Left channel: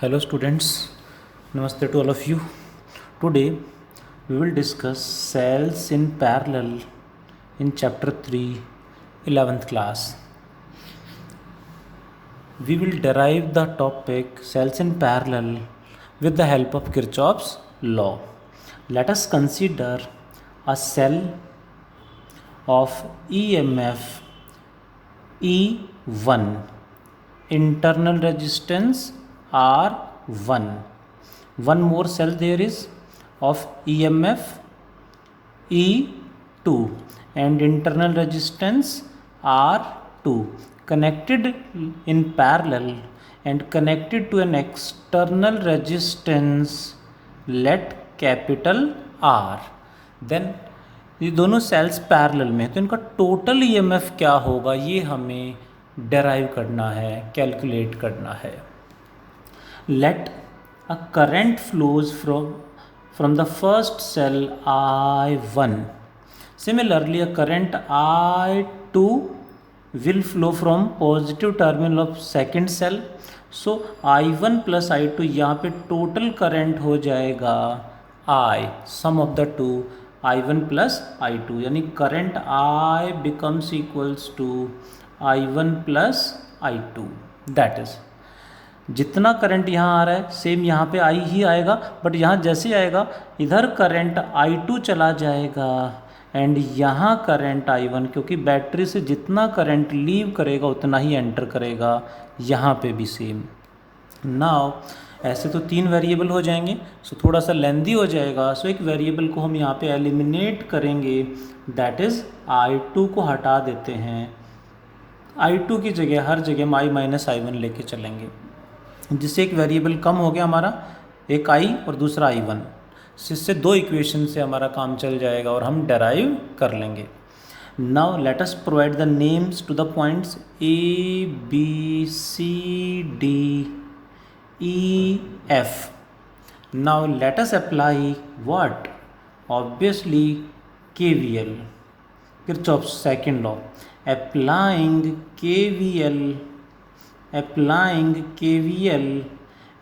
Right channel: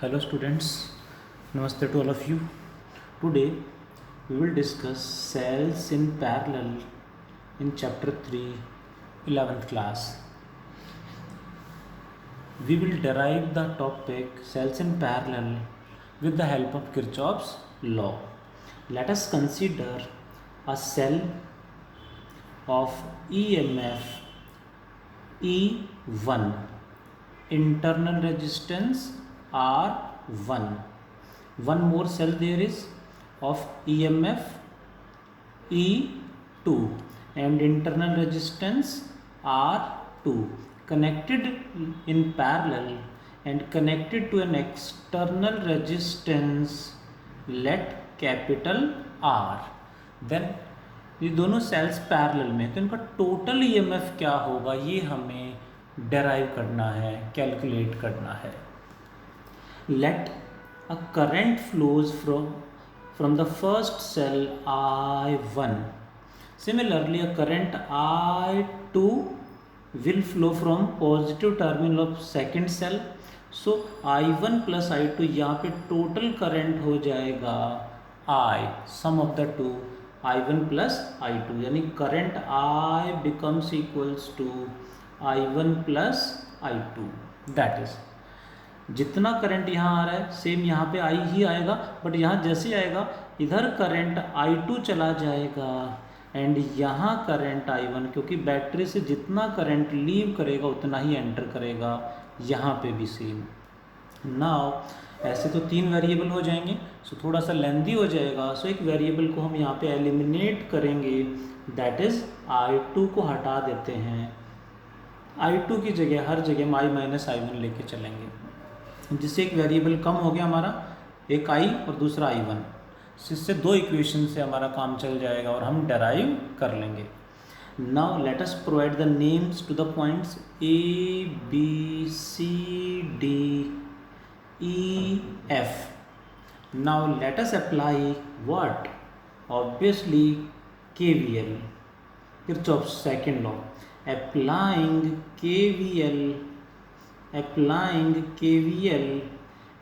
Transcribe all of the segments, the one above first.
Hello students, Namaste to all of you. Today we will discuss cells in parallel in chapter 3, 11th class. We will derive the topic cells in parallel with the help of Kirchhoff's law. Let us consider a cell of EMF E1, internal resistance R1. One more cell there is of EMF E2 and internal resistance R2 connected in parallel and connected to an external resistance, let capital R. Then ये दोनों sales parallel में, तो इनका total EMF क्या होगा ये हमें derive करना है, कैलकुलेट करना है. Let a current flows from the first cell I1. Similarly, a current I2 will flow from positive terminal of second cell. So I1 plus I2, यहाँ पे टोटल करंट हो जाएगा I, sum of the two I1 plus I2, यानी current I becomes equals to I1 plus I2. That is जितना current यहाँ आ रहा है सेम यहाँ पे आई ही आएगा, बट यहाँ जैसे आएगा इधर करंट I2 चला जाएगा एंड यहाँ करंट I1, क्योंकि बैटरी से जितना करंट लीव करेगा उतना ही एंटर करेगा, यहाँ पे भी सेम. नाउ ऐसे तो तीन वेरिएबल हो जाएंगे, सो थोड़ा सा लेंदी हो जाएगा. सो एक वेरिएबल को हम यहाँ पे एलिमिनेट करेंगे, दैट इज़ I2 को हटा देते हैं. I2 की जगह हर जगह I माइनस I1 लेके चलेंगे, जिससे एक वेरिएबल कम हो गया हमारा, एक I और दूसरा I1. इससे दो इक्वेशन से हमारा काम चल जाएगा और हम डेराइव कर लेंगे. Now let us provide the names to the points A, B, C, D, E, F. Now let us apply what? Obviously KVL, Kirchhoff's second law. Applying KVL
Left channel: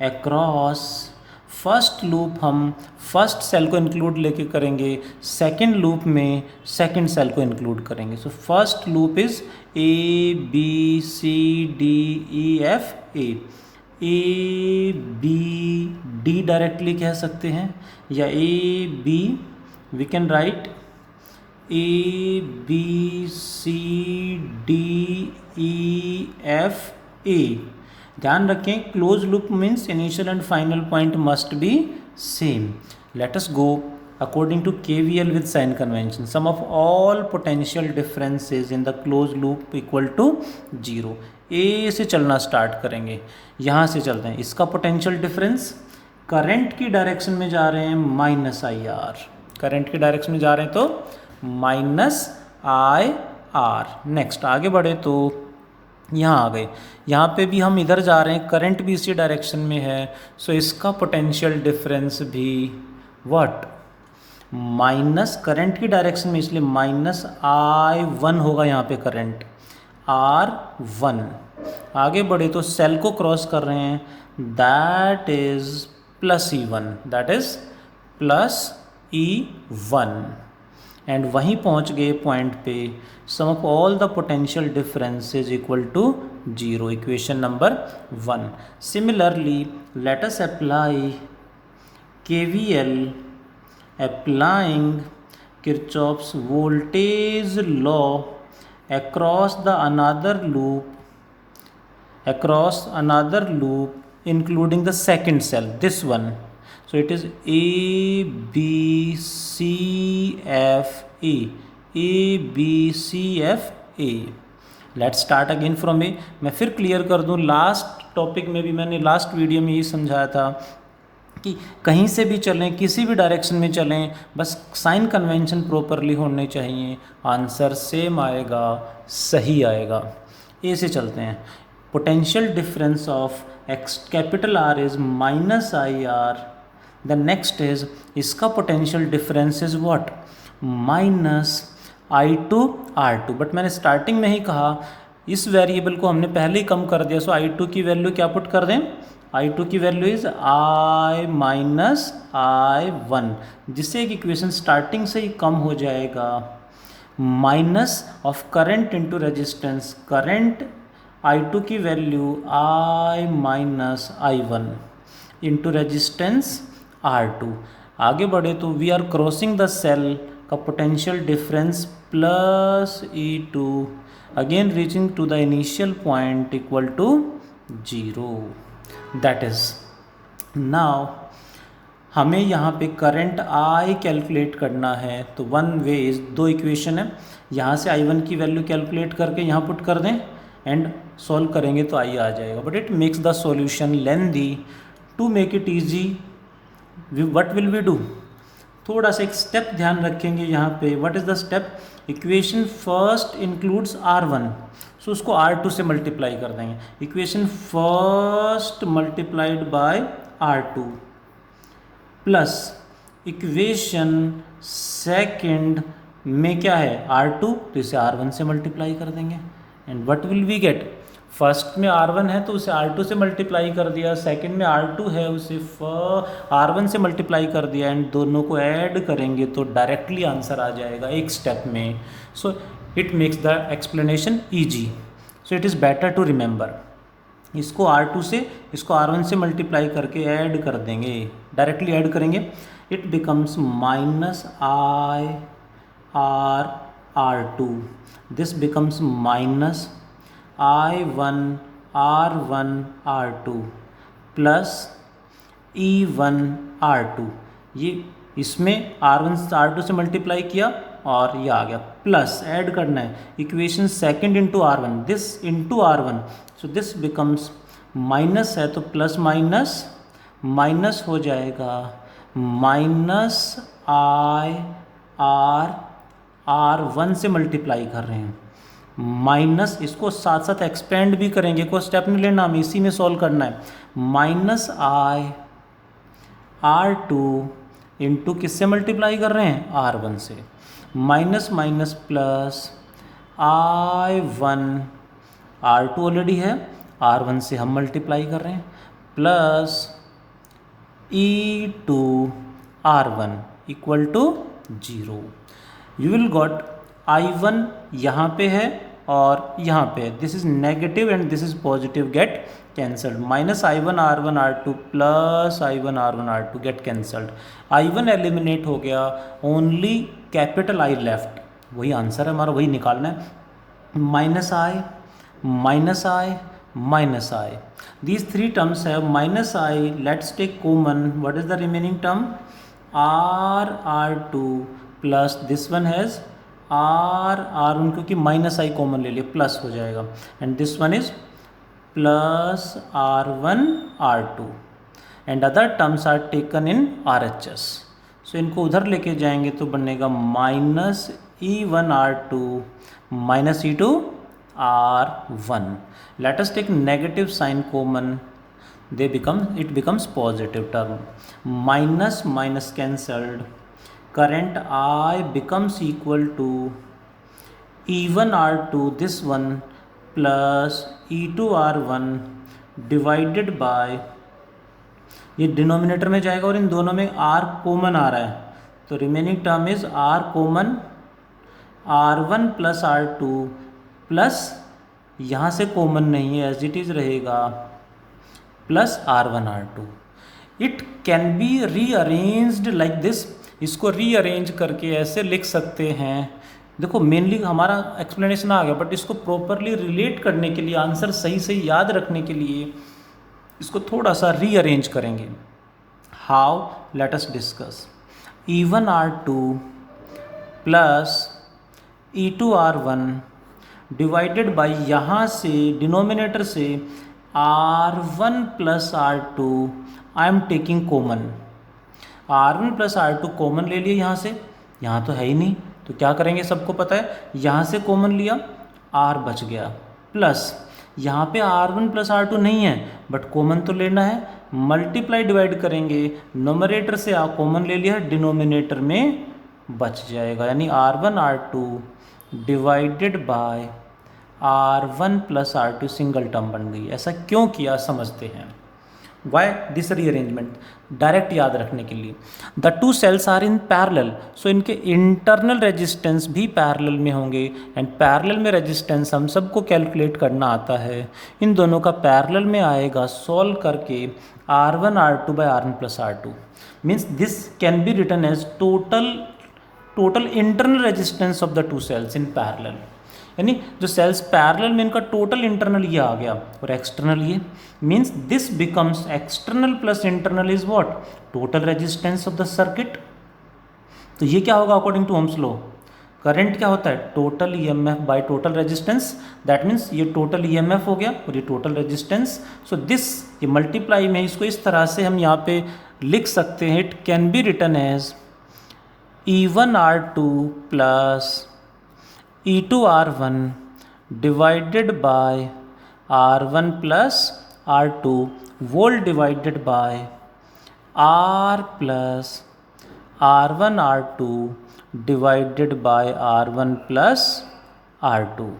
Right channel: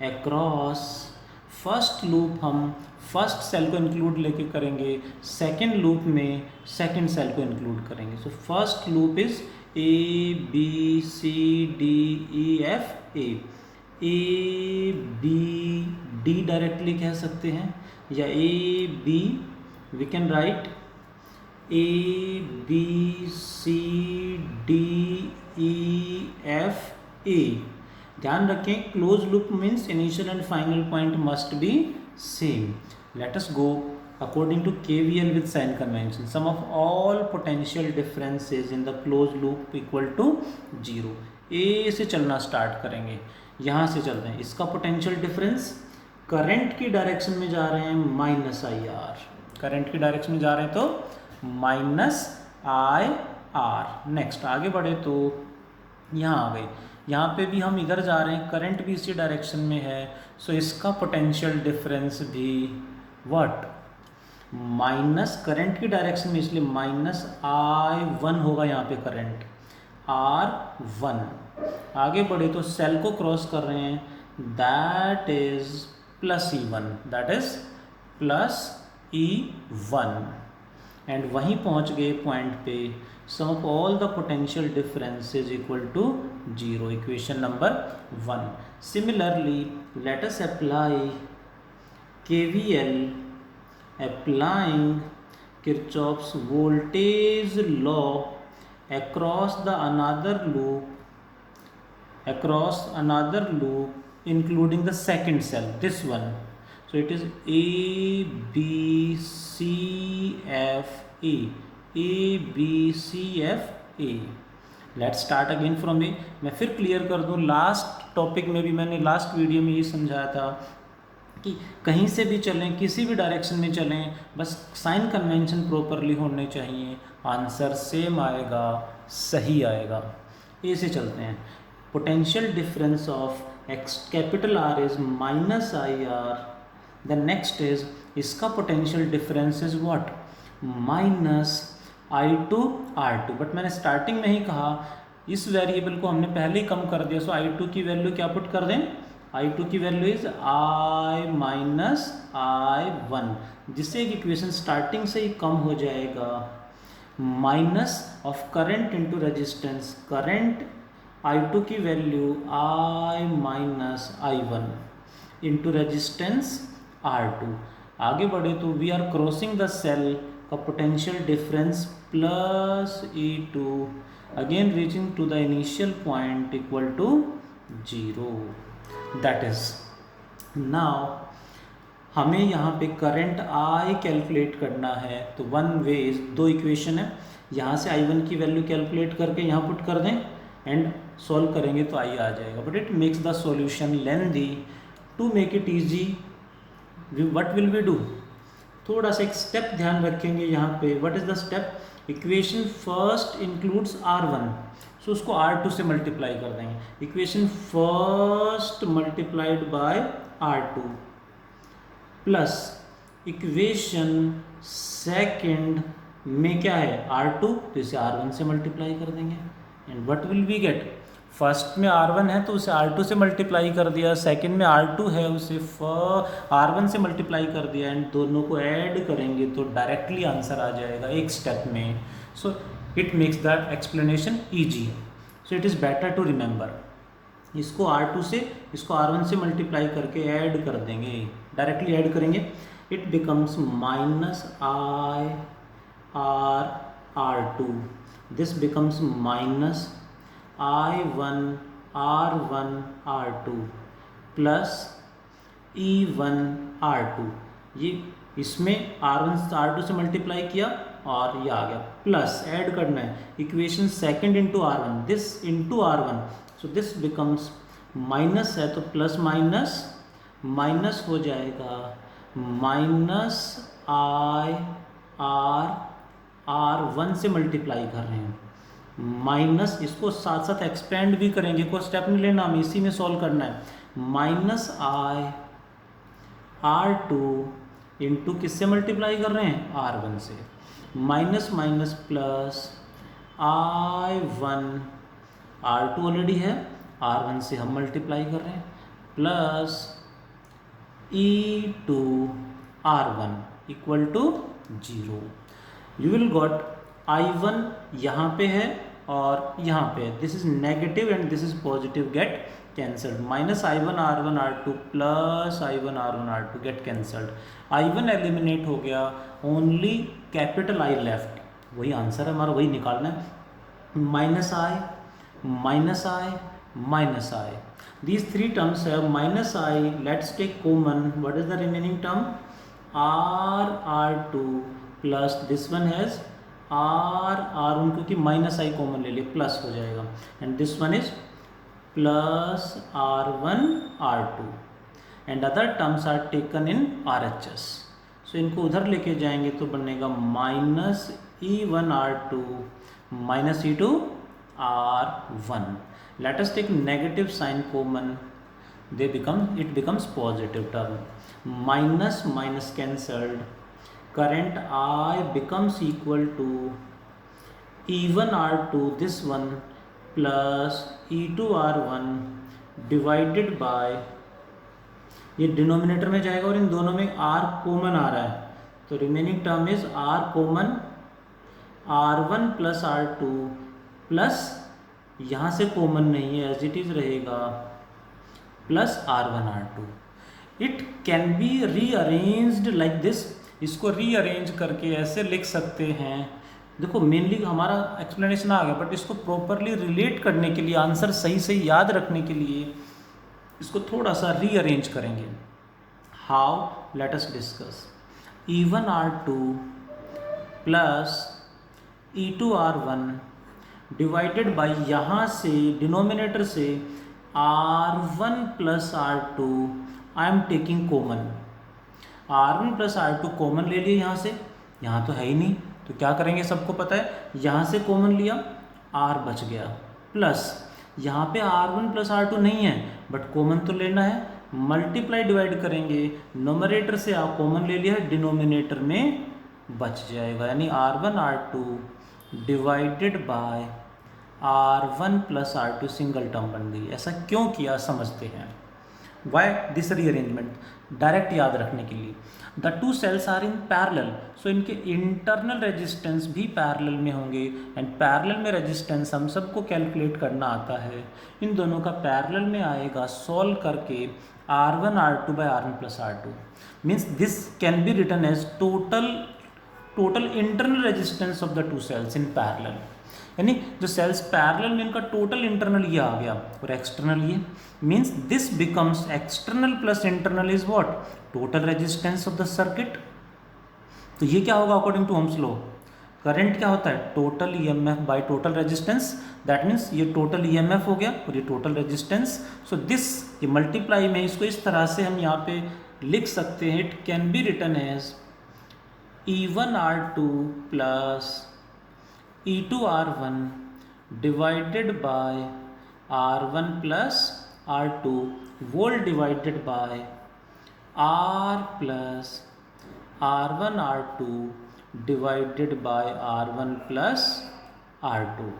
across first loop, हम first cell को include लेके करेंगे, second loop में second cell को include करेंगे. So first loop is A, B, C, D, E, F, A. A, B, D directly कह सकते हैं, या A, B we can write A, B, C, D, E, F, A. ध्यान रखें close loop means initial and final point must be same. Let us go according to KVL with sign convention. Sum of all potential differences in the close loop equal to 0. A से चलना start करेंगे, यहाँ से चलते हैं. इसका potential difference current की direction में जा रहे हैं माइनस IR, करंट की डायरेक्शन में जा रहे हैं तो माइनस IR. नेक्स्ट आगे बढ़े तो यहाँ आ गए, यहाँ पे भी हम इधर जा रहे हैं, करंट भी इसी डायरेक्शन में है, सो इसका पोटेंशियल डिफरेंस भी व्हाट, माइनस करंट की डायरेक्शन में, इसलिए माइनस I1 होगा यहाँ पे करंट R1. आगे बढ़े तो सेल को क्रॉस कर रहे हैं, that is plus E1, that is plus E1. And वहीं पहुंच गए पॉइंट पे, sum of all the potential difference is equal to 0, equation number 1. Similarly let us apply KVL applying Kirchhoff's voltage law across another loop including the second cell, this one. So it is A, B, C, F, A. A, B, C, F, A. Let's start again from A. मैं फिर clear कर दूँ, last topic में भी मैंने last video में यही समझाया था कि कहीं से भी चलें, किसी भी डायरेक्शन में चलें, बस साइन कन्वेंशन प्रॉपरली होने चाहिए, आंसर सेम आएगा, सही आएगा. ए से चलते हैं. Potential difference of capital R is minus IR. The next is इसका potential difference is what, minus I2 R2. But मैंने स्टार्टिंग में ही कहा इस वेरिएबल को हमने पहले ही कम कर दिया, सो I2 की वैल्यू क्या पुट कर दें, I2 की value is I minus I1, जिससे एक इक्वेशन स्टार्टिंग से ही कम हो जाएगा। Minus of current into resistance, current I2 की value I minus I1 into resistance R2। आगे बढ़े तो we are crossing the cell का potential difference plus E2, again reaching to the initial point equal to 0। That is now हमें यहाँ पे current I calculate करना है। तो वन वे इज, दो इक्वेशन है, यहाँ से I1 की वैल्यू कैलकुलेट करके यहाँ पुट कर दें एंड सॉल्व करेंगे तो I आ जाएगा, but it makes the solution lengthy. To make it easy what will we do, थोड़ा सा एक स्टेप ध्यान रखेंगे यहाँ पे। What is the step, equation first includes R1, so उसको R2 से मल्टीप्लाई कर देंगे। Equation first multiplied by R2 plus equation second में क्या है R2, तो इसे R1 से मल्टीप्लाई कर देंगे and what will we get, first में R1 है तो उसे R2 से मल्टीप्लाई कर दिया, सेकंड में R2 है उसे R1 से मल्टीप्लाई कर दिया एंड दोनों को ऐड करेंगे तो डायरेक्टली आंसर आ जाएगा एक स्टेप में। So it makes the explanation easy, so it is better to remember. इसको R2 से, इसको R1 से मल्टीप्लाई करके ऐड कर देंगे, डायरेक्टली ऐड करेंगे। It becomes minus R2, this becomes minus I1 R1 R2 plus E1 R2, ये इसमें R1 से R2 से मल्टीप्लाई किया और ये आ गया, प्लस ऐड करना है equation second into R1, this into R1, so this becomes minus है तो प्लस माइनस माइनस हो जाएगा, माइनस R1 से मल्टीप्लाई कर रहे हैं, माइनस इसको साथ साथ एक्सपेंड भी करेंगे, कोई स्टेप नहीं लेना, हमें इसी में सॉल्व करना है। माइनस R2 इंटू किससे मल्टीप्लाई कर रहे हैं, R1 से, minus minus plus I1, R2 already है, R1 से हम मल्टीप्लाई कर रहे हैं, plus E2 R1 equal to 0। You will got I1 यहाँ पे है और यहाँ पे है, this is negative and this is positive, get cancelled, minus I1 R1 R2 plus I1 R1 R2 get cancelled, I1 eliminate हो गया, ओनली कैपिटल I लेफ्ट, वही आंसर है हमारा, वही निकालना है, minus I minus I minus I, these three terms have minus I, let's take common, what is the remaining term, R2 plus this one has R1, क्योंकि minus I common ले लिया plus हो जाएगा, and this one is plus R1 R2 and other terms are taken in RHS, so इनको उधर लेके जाएंगे तो बनेगा minus E1 R2 minus E2 R1, let us take negative sign common, it becomes positive term, minus minus cancelled, current I becomes equal to E1 R2 this one plus E2 R1 divided by, ये denominator में जाएगा और इन दोनों में R common आ रहा है तो remaining term is R common, R1 plus R2 plus यहाँ से कॉमन नहीं है एज इट इज़ रहेगा, plus R1 R2। It can B rearranged like this, इसको रीअरेंज करके ऐसे लिख सकते हैं, देखो मेनली हमारा एक्सप्लेनेशन आ गया, बट इसको प्रॉपरली रिलेट करने के लिए, आंसर सही सही याद रखने के लिए इसको थोड़ा सा रीअरेंज करेंगे। How, let us discuss, E1 R2 plus E2 R1 divided by, यहाँ से डिनोमिनेटर से R1 plus R2 I am taking common, R1 plus R2 common ले लिए यहाँ से, यहाँ तो है ही नहीं तो क्या करेंगे, सबको पता है, यहाँ से कॉमन लिया R बच गया, प्लस यहाँ पे R1 प्लस R2 नहीं है बट कॉमन तो लेना है, मल्टीप्लाई डिवाइड करेंगे, नोमरेटर से कॉमन ले लिया, डिनोमिनेटर में बच जाएगा, यानी R1 R2 divided by R1 plus R2 single term बन गई। ऐसा क्यों किया समझते हैं। वाई दिस रीअरेंजमेंट, डायरेक्ट याद रखने के लिए। The two cells are in parallel, so इनके इंटरनल रेजिस्टेंस भी पैरेलल में होंगे, एंड पैरेलल में रेजिस्टेंस हम सबको कैलकुलेट करना आता है, इन दोनों का पैरेलल में आएगा सॉल्व करके R1 R2 by R1 plus R2, means this can be written as total internal resistance of the two cells in parallel, यानी जो सेल्स पैरेलल में इनका टोटल इंटरनल ये आ गया और एक्सटर्नल ये, means this becomes external plus internal is what, total resistance of the circuit. तो ये क्या होगा according to Ohm's law, current क्या होता है, total EMF by total resistance, that means ये टोटल ईएमएफ हो गया और ये टोटल रेजिस्टेंस। सो दिस ये मल्टीप्लाई में इसको इस तरह से हम यहाँ पे लिख सकते हैं, it can be written as E1 R2 plus E2 R1 divided by R1 plus R2 whole divided by R plus R1 R2 divided by R1 plus R2.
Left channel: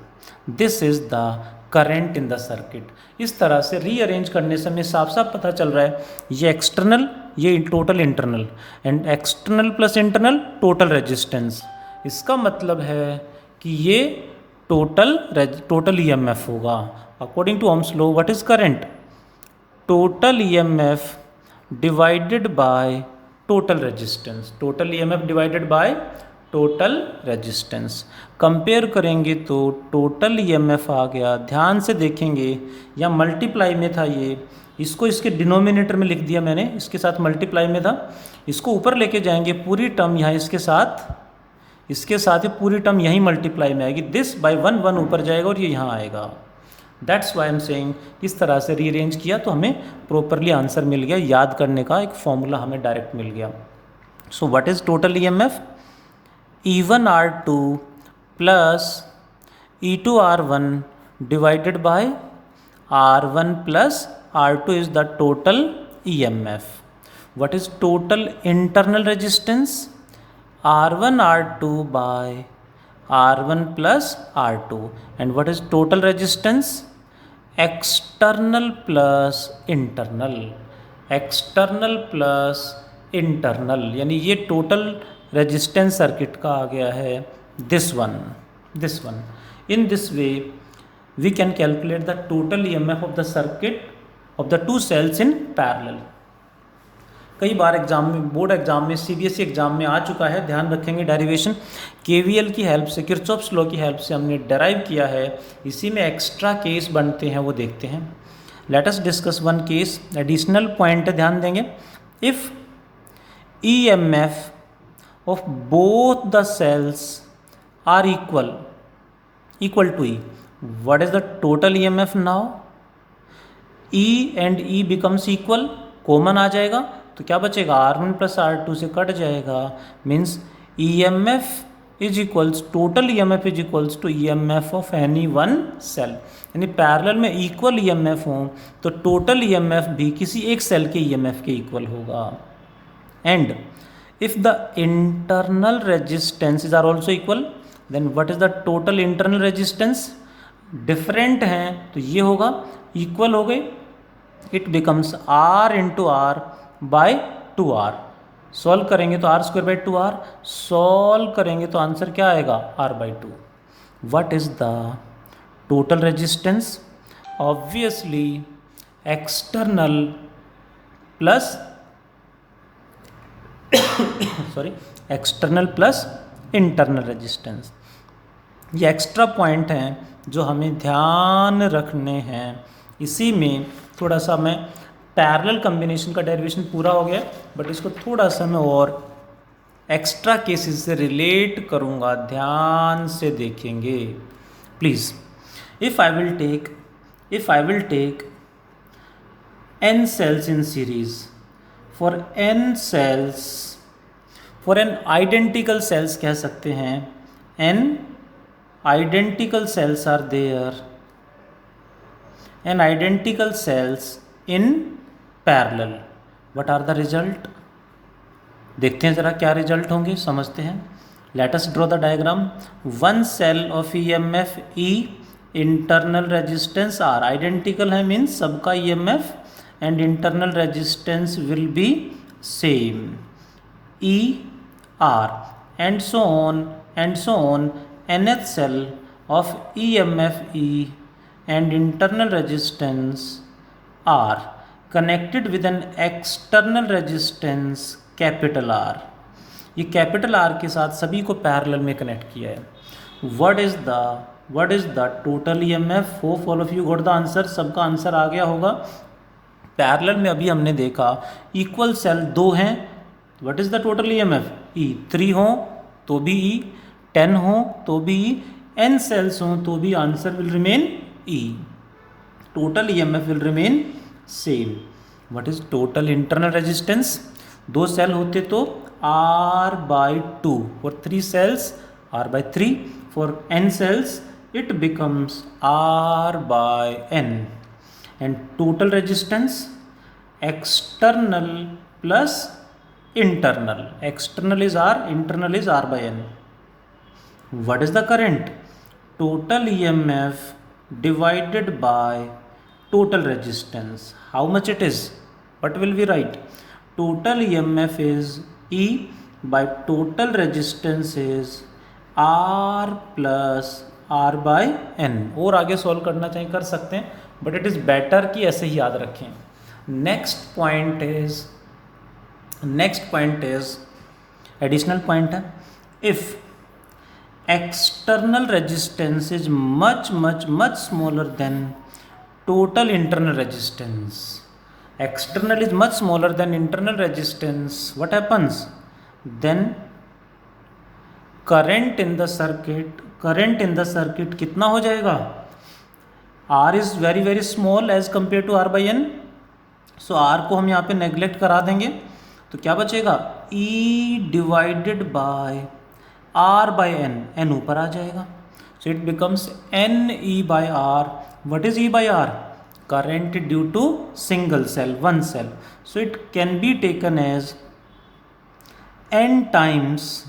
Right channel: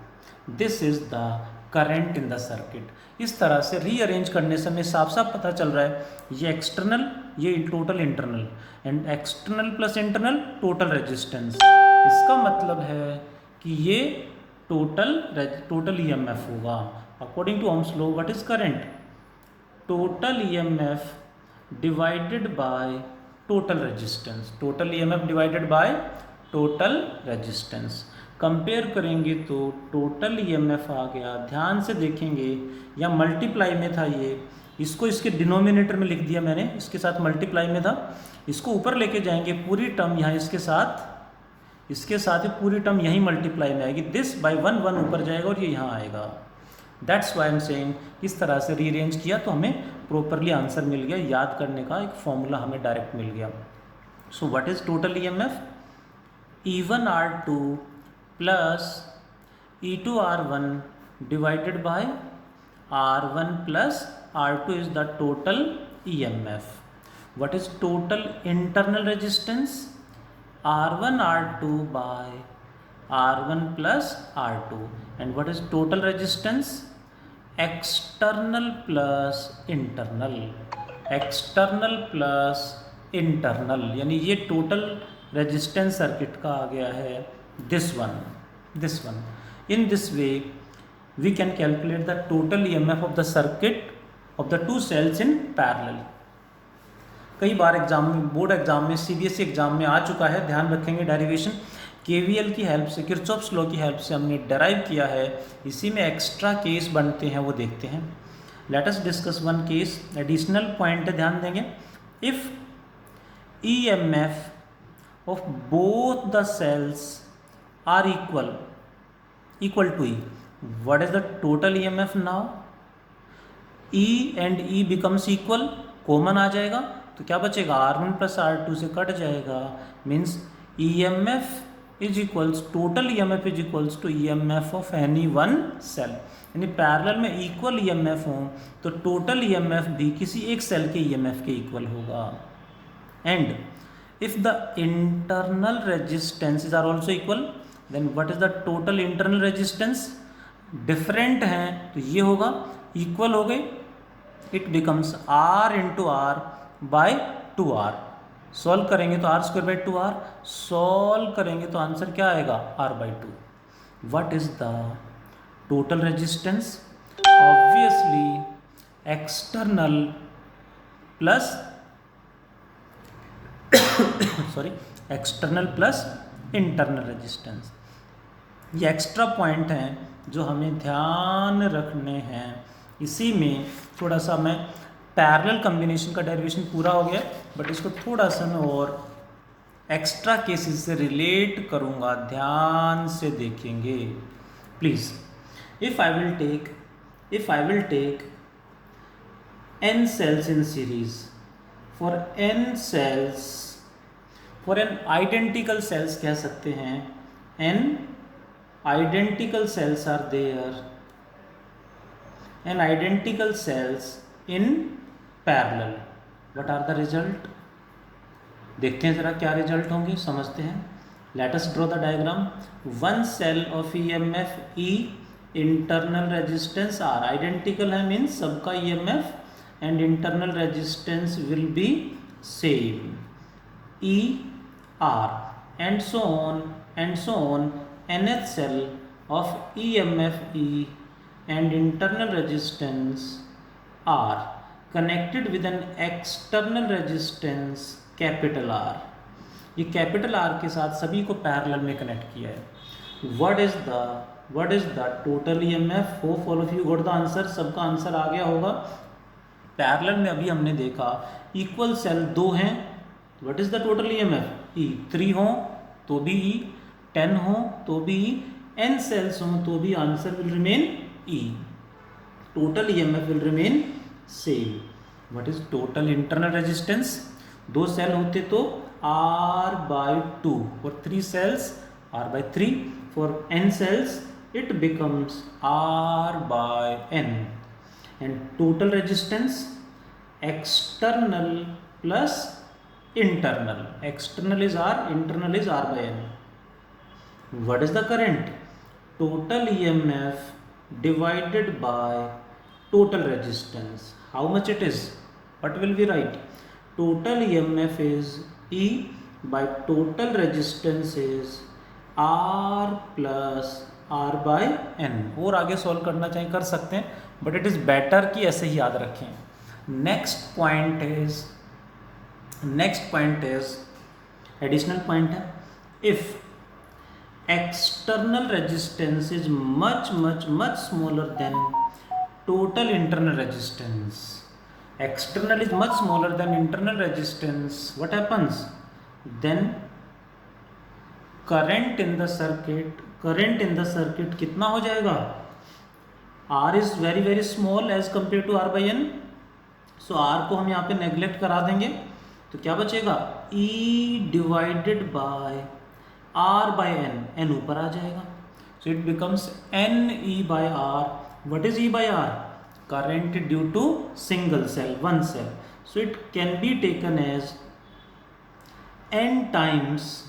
This is the current in the circuit. इस तरह से rearrange करने से हमें साफ साफ पता चल रहा है ये एक्सटर्नल, ये total internal, and external plus internal total resistance. इसका मतलब है कि ये टोटल ईएमएफ होगा according to Ohm's law. What is current, total EMF divided by total resistance, total EMF divided by total resistance. Compare करेंगे तो total EMF आ गया, ध्यान से देखेंगे या मल्टीप्लाई में था ये, इसको इसके डिनोमिनेटर में लिख दिया मैंने, इसके साथ मल्टीप्लाई में था, इसको ऊपर लेके जाएंगे पूरी टर्म यहाँ इसके साथ ही पूरी टर्म यहीं मल्टीप्लाई में आएगी, दिस बाय 1 1 ऊपर जाएगा और ये यहाँ आएगा। दैट्स वाई एम सेइंग इस तरह से रीअरेंज किया तो हमें प्रॉपरली आंसर मिल गया, याद करने का एक फॉर्मूला हमें डायरेक्ट मिल गया। So what is total EMF, E1 R2 plus E2 R1 divided by R1 plus R2 is the total EMF. What is total internal resistance, R1 R2 by R1 plus R2, and what is total resistance, external plus internal, external plus internal, यानी ये total resistance circuit का आ गया है this one. In this way we can calculate the total EMF of the circuit of the two cells in parallel. कई बार exam में, board exam में, CBSE exam में आ चुका है, ध्यान रखेंगे। डेरिवेशन केवीएल की हेल्प से, किरचॉफ्स लॉ की हेल्प से हमने डेराइव किया है, इसी में एक्स्ट्रा केस बनते हैं वो देखते हैं। Let us discuss one case, additional point ध्यान देंगे। If EMF of both the cells are equal to E, what is the total EMF now, E and E becomes equal, common आ जाएगा तो क्या बचेगा, R1 प्लस R2 से cut जाएगा, means EMF is equals, total EMF is equals to EMF of any one cell, यानी parallel में equal EMF हो तो टोटल EMF भी किसी एक सेल के EMF के इक्वल होगा। And if the internal resistances are also equal, then what is the total internal resistance, different हैं तो ये होगा, equal हो गई, it becomes R into R by 2R, solve करेंगे तो R square by 2R, solve करेंगे तो आंसर क्या आएगा, R by 2। what is the total resistance, obviously external plus external plus internal resistance. ये एक्स्ट्रा पॉइंट हैं जो हमें ध्यान रखने हैं। इसी में थोड़ा सा मैं पैरेलल कॉम्बिनेशन का डेरिवेशन पूरा हो गया, बट इसको थोड़ा सा मैं और एक्स्ट्रा केसेस से रिलेट करूँगा, ध्यान से देखेंगे please. If I will take n cells in series, for n cells, for an identical cells कह सकते हैं, n identical cells are there, n identical cells in parallel, what are the result, देखते हैं ज़रा क्या रिजल्ट होंगे, समझते हैं। Let us draw the diagram. One cell of EMF E, internal resistance R, identical है मीन्स सबका EMF and internal resistance will be same, E R, and so on and so on. Nth cell of EMF E and internal resistance R connected with an external resistance capital R. ये capital R के साथ सभी को parallel में connect किया है. What is the total EMF? Hope all of you got the answer. सबका answer आ गया होगा. पैरेलल में अभी हमने देखा इक्वल सेल दो हैं. What is the total EMF? E. 3 हो तो भी ई, 10 हो तो भी ई, n सेल्स हो तो भी answer will remain E. Total EMF will remain same. What is total internal resistance? 2 cell होते तो R/2. For 3 cells, R/3. For n cells, it becomes R/n. And total resistance, external plus internal. External is R, internal is R/n. What is the current? Total EMF divided by total resistance. How much it is? What will we write? Total EMF is E by total resistance is R plus R/n. और आगे solve करना चाहिए कर सकते हैं, but it is better कि ऐसे ही याद रखें. Next point is additional point है. If external resistance is much much much smaller than total internal resistance. External is much smaller than internal resistance. What happens? Then current in the circuit कितना हो जाएगा? R is very very small as compared to R/n. So R को हम यहाँ पे neglect करा देंगे तो क्या बचेगा? E divided by R/n. n ऊपर आ जाएगा. So it becomes NE by R. What is E by R? Current due to single cell, one cell. So it can be taken as n times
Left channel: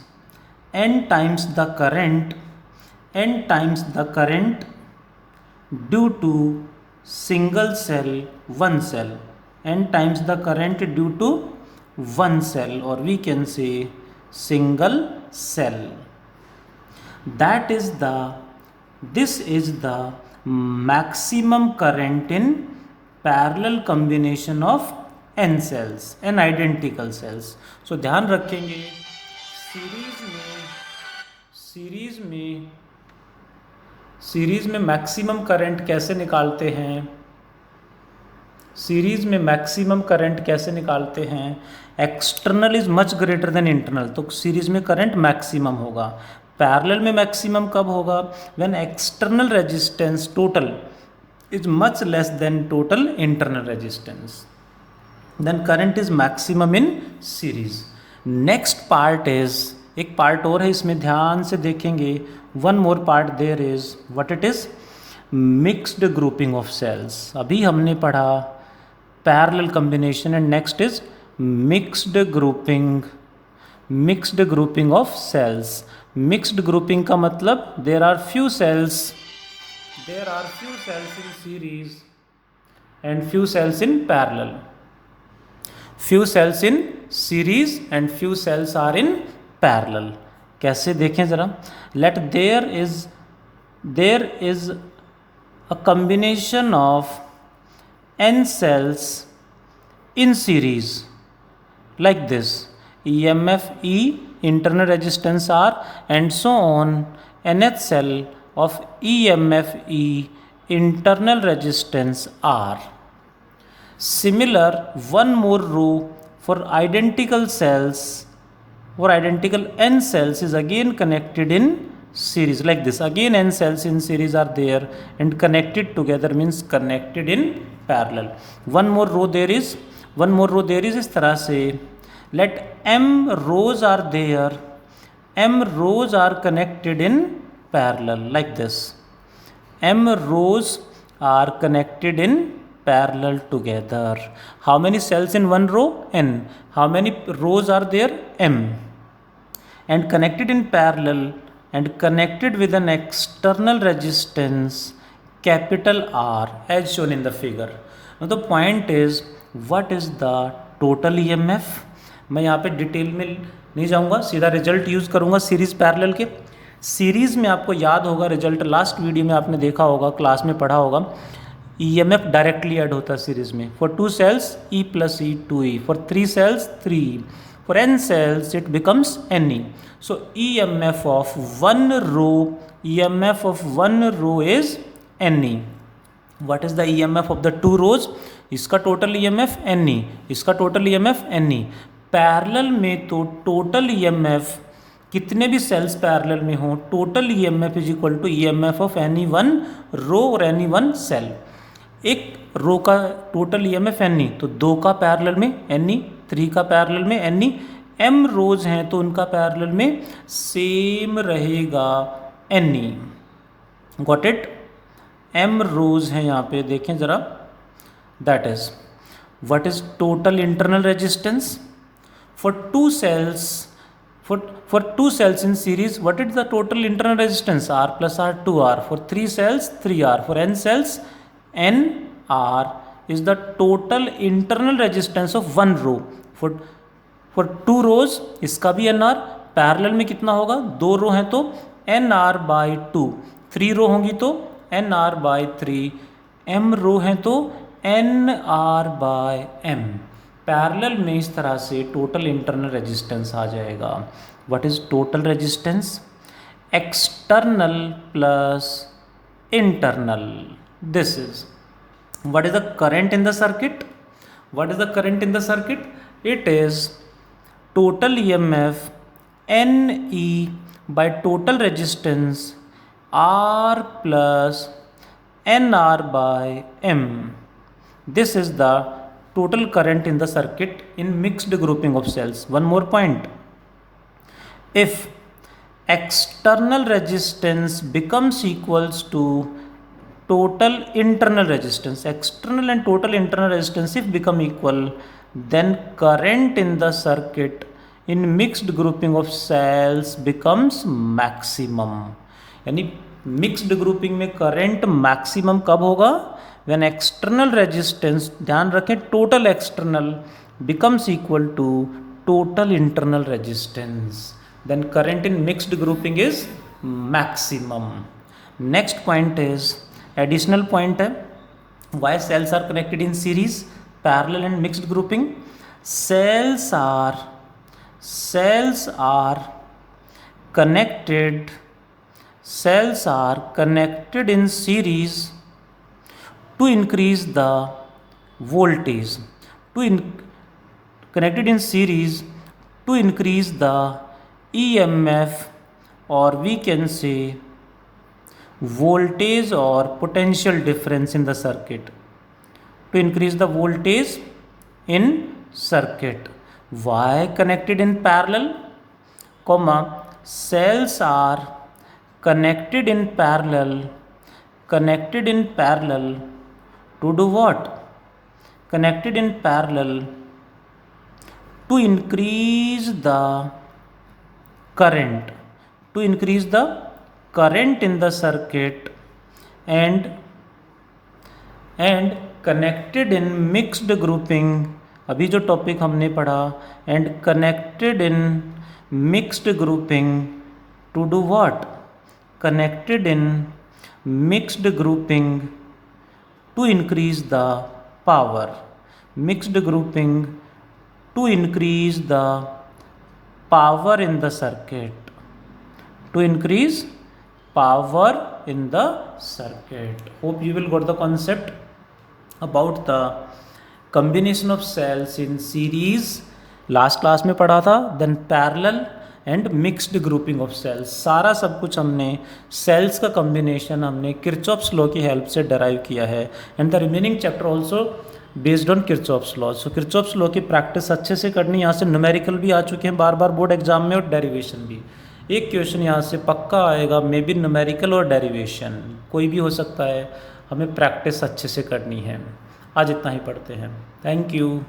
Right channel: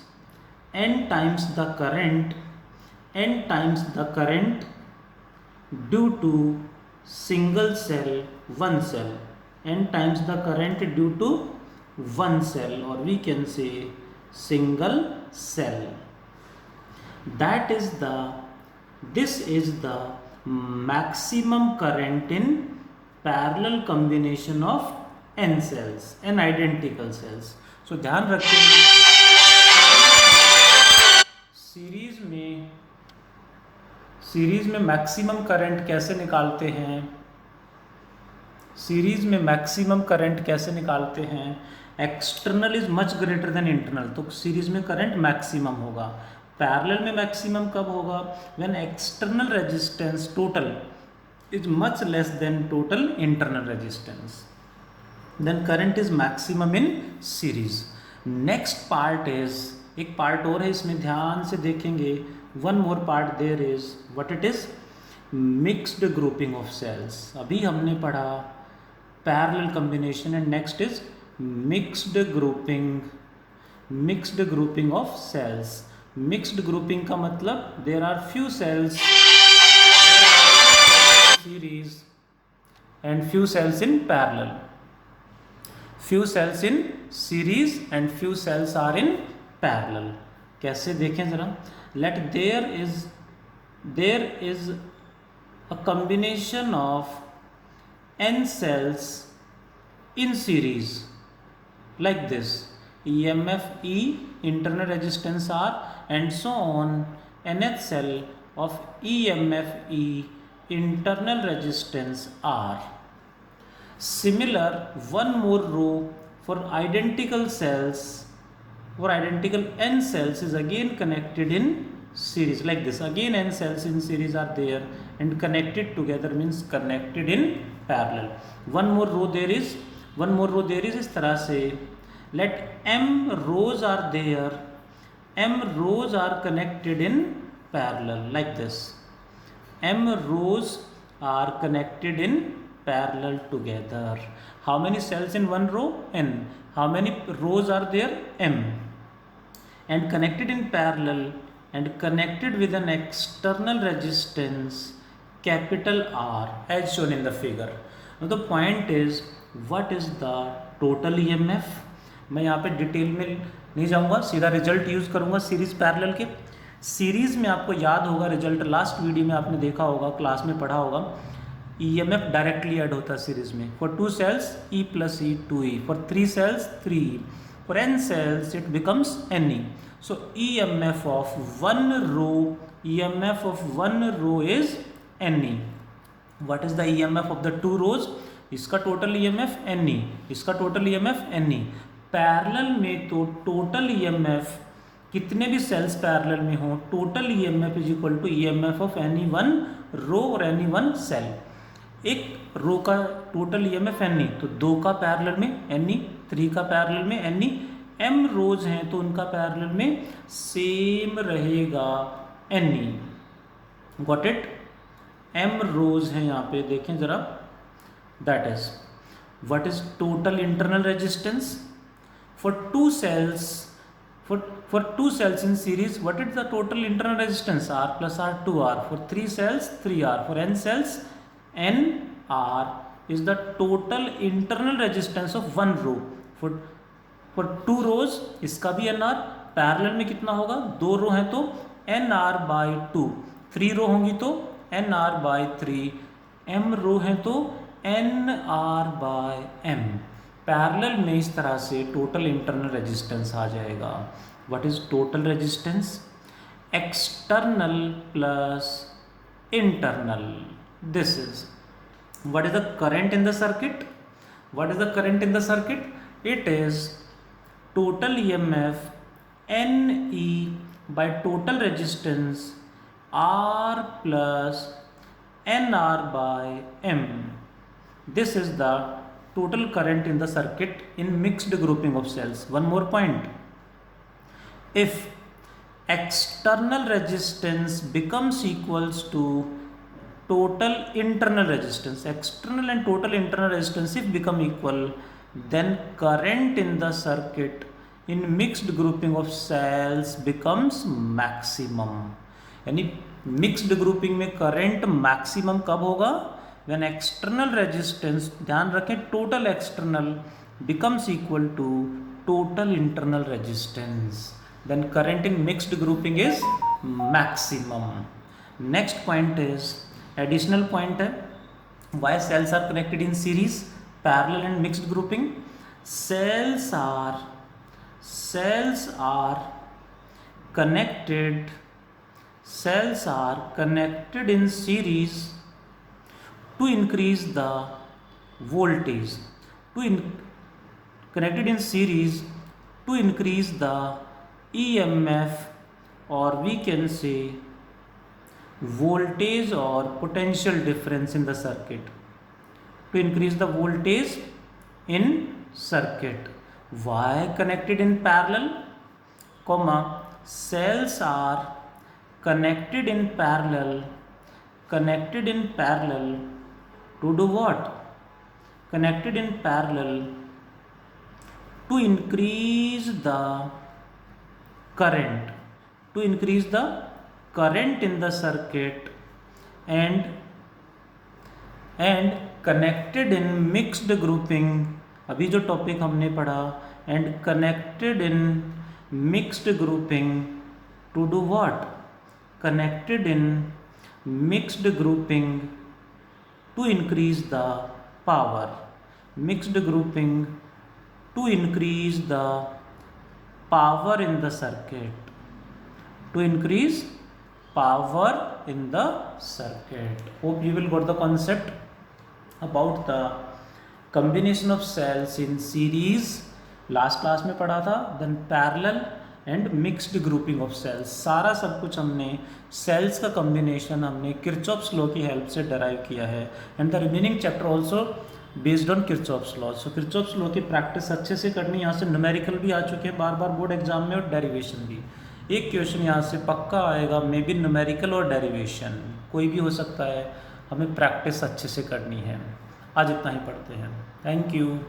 the current due to single cell, one cell. N times the current due to one cell, or we can say single cell. This is the maximum current in parallel combination of n cells, n identical cells. So ध्यान रखेंगे series में maximum current कैसे निकालते हैं. External is much greater than internal, तो series में current maximum होगा. Parallel में मैक्सिमम कब होगा? When external resistance total is much less than total internal resistance, then current is maximum in series. Next part is, एक part और है इसमें, ध्यान से देखेंगे. One more part there is, what it is? Mixed grouping of cells. अभी हमने पढ़ा parallel combination and next is mixed grouping of cells. Mixed grouping का मतलब there are few cells in series and few cells in parallel. Few cells in series and few cells are in parallel. कैसे देखें जरा. Let there is a combination of n cells in series like this. EMF E, internal resistance R, and so on. Nth cell of EMF E, internal resistance R. Similar, one more row for identical cells, or identical n cells is again connected in series like this. Again n cells in series are there and connected together means connected in parallel. One more row there is इस तरह से. Let m rows are there, m rows are connected in parallel like this. M rows are connected in parallel together. How many cells in one row? N. How many rows are there? M. And connected in parallel and connected with an external resistance capital R as shown in the figure. Now the point is what is the total EMF. मैं यहाँ पे detail में नहीं जाऊँगा, सीधा result use करूँगा series parallel के। Series में आपको याद होगा रिजल्ट, लास्ट वीडियो में आपने देखा होगा, क्लास में पढ़ा होगा, ईएमएफ डायरेक्टली ऐड होता है सीरीज में। For 2 cells E plus E 2E, for 3 cells 3E, for n cells it becomes Ne. So EMF of one row is Ne. What is the EMF of the 2 rows? इसका total EMF Ne, इसका total EMF Ne। Parallel में तो total EMF कितने भी sales parallel में हो, total EMF is equal to EMF of any one row और any one cell. एक रो का टोटल EMF Ne, तो 2 का पैरेलल में Ne, 3 का पैरेलल में Ne, m रोज हैं तो उनका पैरेलल में सेम रहेगा Ne। Got it? m रोज हैं यहाँ पे, देखें ज़रा, that is what is total internal resistance for 2 cells, for 2 cells in series, what is the total internal resistance? R plus R 2R. For 3 cells 3R. For n cells NR is the total internal resistance of one row. For 2 rows इसका भी NR, parallel में कितना होगा, 2 रो हैं तो NR by 2, 3 रो होंगी तो NR by 3, m रो हैं तो NR by m। पैरेलल में इस तरह से टोटल इंटरनल रेजिस्टेंस आ जाएगा। What is total resistance? External plus internal. This is what is the current in the circuit? What is the current in the circuit? It is total EMF Ne by total resistance R plus NR by M. This is the total current in the circuit in mixed grouping of cells. One more point. If external resistance becomes equals to total internal resistance, external and total internal resistance if become equal, then current in the circuit in mixed grouping of cells becomes maximum. यानी mixed grouping में current maximum कब होगा? when external resistance, ध्यान रखें, total external becomes equal to total internal resistance, then current in mixed grouping is maximum. Next point is additional point है, why cells are connected in series, parallel and mixed grouping? Cells are connected in series to increase the voltage, connected in series to increase the EMF, or we can say voltage or potential difference in the circuit, to increase the voltage in circuit. Why connected in parallel, comma, cells are connected in parallel to do what? Connected in parallel to increase the current, in the circuit, and connected in mixed grouping, अभी जो topic हमने पढ़ा, and connected in mixed grouping to do what? Connected in mixed grouping to increase the power, mixed grouping to increase the power in the circuit, to increase power in the circuit. Hope you will got the concept about the combination of cells in series, last class में पढ़ा था, then parallel and mixed grouping of cells, सारा सब कुछ हमने cells का combination हमने Kirchhoff's law की हेल्प से डराइव किया है, and the remaining chapter also based on Kirchhoff's law. So Kirchhoff's law की प्रैक्टिस अच्छे से करनी, यहाँ से न्यूमेरिकल भी आ चुके हैं बार बार बोर्ड एग्जाम में, और डेरिवेशन भी। एक क्वेश्चन यहाँ से पक्का आएगा, मे बी न्यूमेरिकल और डेरिवेशन कोई भी हो सकता है, हमें प्रैक्टिस अच्छे से करनी है। आज इतना ही पढ़ते हैं, थैंक यू।